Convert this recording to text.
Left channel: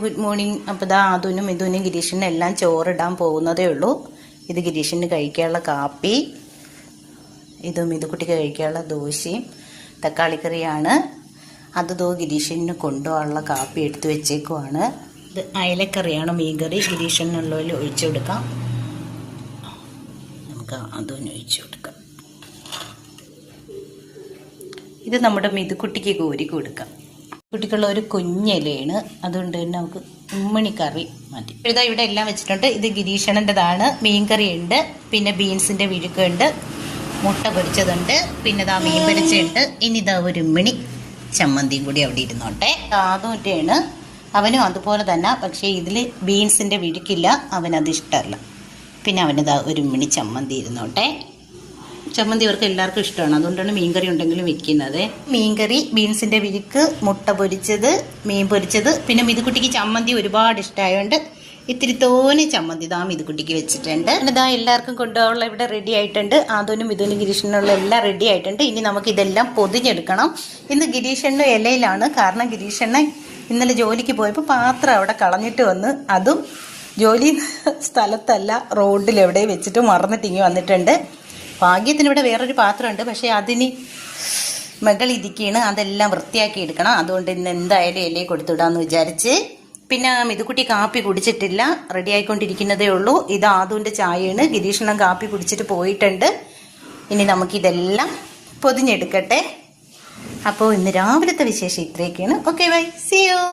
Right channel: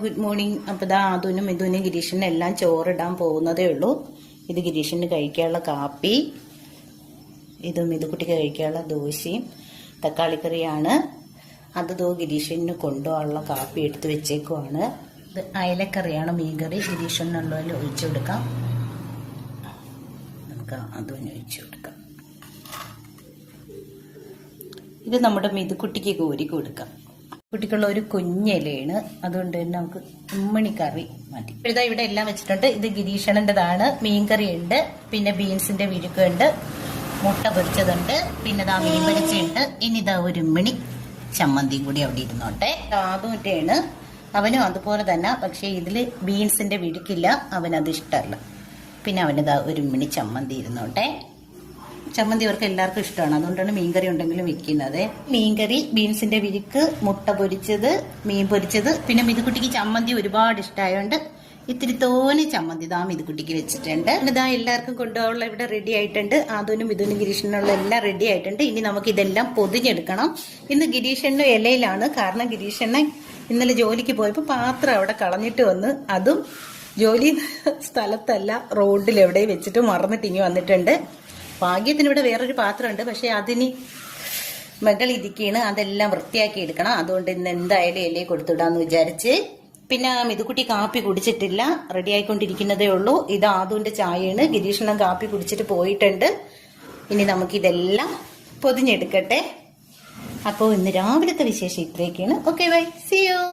Good morning. അപ്പോൾ ഇതാ അതുനും ഇതുനും ഗിരീഷിനും എല്ലാം ചോറിടാൻ പോകുന്നതേ ഉള്ളൂ. ഇത് ഗിരീഷിന് കഴിക്കാനുള്ള കാപ്പി, ഇതും ഇതുകുട്ടിക്ക് കഴിക്കാനുള്ള ദോശയും തക്കാളിക്കറിയാണ്. അത് ഗിരീഷിന് കൊണ്ടുപോകാനുള്ള കാപ്പി എടുത്തു വെച്ചേക്കുവാണ്. ഇത് അയലക്കറിയാണ്, മീൻകറി. ഗിരീഷിനുള്ളതിൽ ഒഴിച്ചു കൊടുക്കാം. നമുക്ക് അതും ഒഴിച്ചു കൊടുക്കാം. ഇത് നമ്മുടെ മിതുക്കുട്ടിക്ക് കോരി കൊടുക്കാം. കുട്ടിക്കുള്ള ഒരു കുഞ്ഞിലയാണ്, അതുകൊണ്ട് തന്നെ നമുക്ക് ഉമ്മണിക്കറി മതി. ഇതാ ഇവിടെ എല്ലാം വെച്ചിട്ടുണ്ട്. ഇത് ഗിരീഷണൻ്റെതാണ്. മീൻകറി ഉണ്ട്, പിന്നെ ബീൻസിന്റെ വിഴുക്കുണ്ട്, മുട്ട പൊരിച്ചതുണ്ട്, പിന്നെ ഇതാ മീൻ പൊരിച്ചുണ്ട്. ഇനി ഇതാ ഒരു ഉമ്മണി ചമ്മന്തിയും കൂടി അവിടെ ഇരുന്നോട്ടെ. അതുകൊണ്ടാണ് അവനും അതുപോലെ തന്നെ. പക്ഷേ ഇതിൽ ബീൻസിന്റെ വിഴുക്കില്ല, അവനത് ഇഷ്ടമല്ല. പിന്നെ അവനിതാ ഒരു ഉമ്മണി ചമ്മന്തി ഇരുന്നോട്ടെ. ചമ്മന്തി അവർക്ക് എല്ലാവർക്കും ഇഷ്ടമാണ്, അതുകൊണ്ടാണ് മീൻകറി ഉണ്ടെങ്കിലും വെക്കുന്നത്. മീൻകറി, ബീൻസിന്റെ വിഴുക്ക്, മുട്ട പൊരിച്ചത്, മീൻ പൊരിച്ചത്, പിന്നെ മിതുക്കുട്ടിക്ക് ചമ്മന്തി ഒരുപാട് ഇഷ്ടമായതുകൊണ്ട് ഇത്തിരി തോനെ ചമ്മന്തി ഇതാ മിതുക്കുട്ടിക്ക് വെച്ചിട്ടുണ്ട്. ഇതാ എല്ലാവർക്കും കൊണ്ടുപോകാനുള്ള ഇവിടെ റെഡി ആയിട്ടുണ്ട്. അതുനും ഇതുനും ഗിരീഷനുള്ള എല്ലാം റെഡി ആയിട്ടുണ്ട്. ഇനി നമുക്ക് ഇതെല്ലാം പൊതിഞ്ഞെടുക്കണം. ഇന്ന് ഗിരീഷണ്ണ ഇലയിലാണ്, കാരണം ഗിരീഷണ്ണ ഇന്നലെ ജോലിക്ക് പോയപ്പോൾ പാത്രം അവിടെ കളഞ്ഞിട്ട് വന്ന്, അതും ജോലി സ്ഥലത്തല്ല റോഡിൽ എവിടെ വെച്ചിട്ട് മറന്നിട്ടിങ്ങി വന്നിട്ടുണ്ട്. ഭാഗ്യത്തിന് ഇവിടെ വേറൊരു പാത്രമുണ്ട്, പക്ഷെ അതിന് മകൾ ഇരിക്കുകയാണ്. അതെല്ലാം വൃത്തിയാക്കി എടുക്കണം. അതുകൊണ്ട് ഇന്ന് എന്തായാലും ഇലയെ കൊടുത്തുവിടാന്ന് വിചാരിച്ച്. പിന്നെ മിതുക്കുട്ടി കാപ്പി കുടിച്ചിട്ടില്ല, റെഡി ആയിക്കൊണ്ടിരിക്കുന്നതേ ഉള്ളൂ. ഇത് ആദുവിന്റെ ചായയാണ്. ഗിരീഷണം കാപ്പി കുടിച്ചിട്ട് പോയിട്ടുണ്ട്. ഇനി നമുക്കിതെല്ലാം പൊതിഞ്ഞെടുക്കട്ടെ. അപ്പോൾ ഇന്ന് രാവിലത്തെ വിശേഷം ഇത്രയൊക്കെയാണ്. Okay, bye, see U.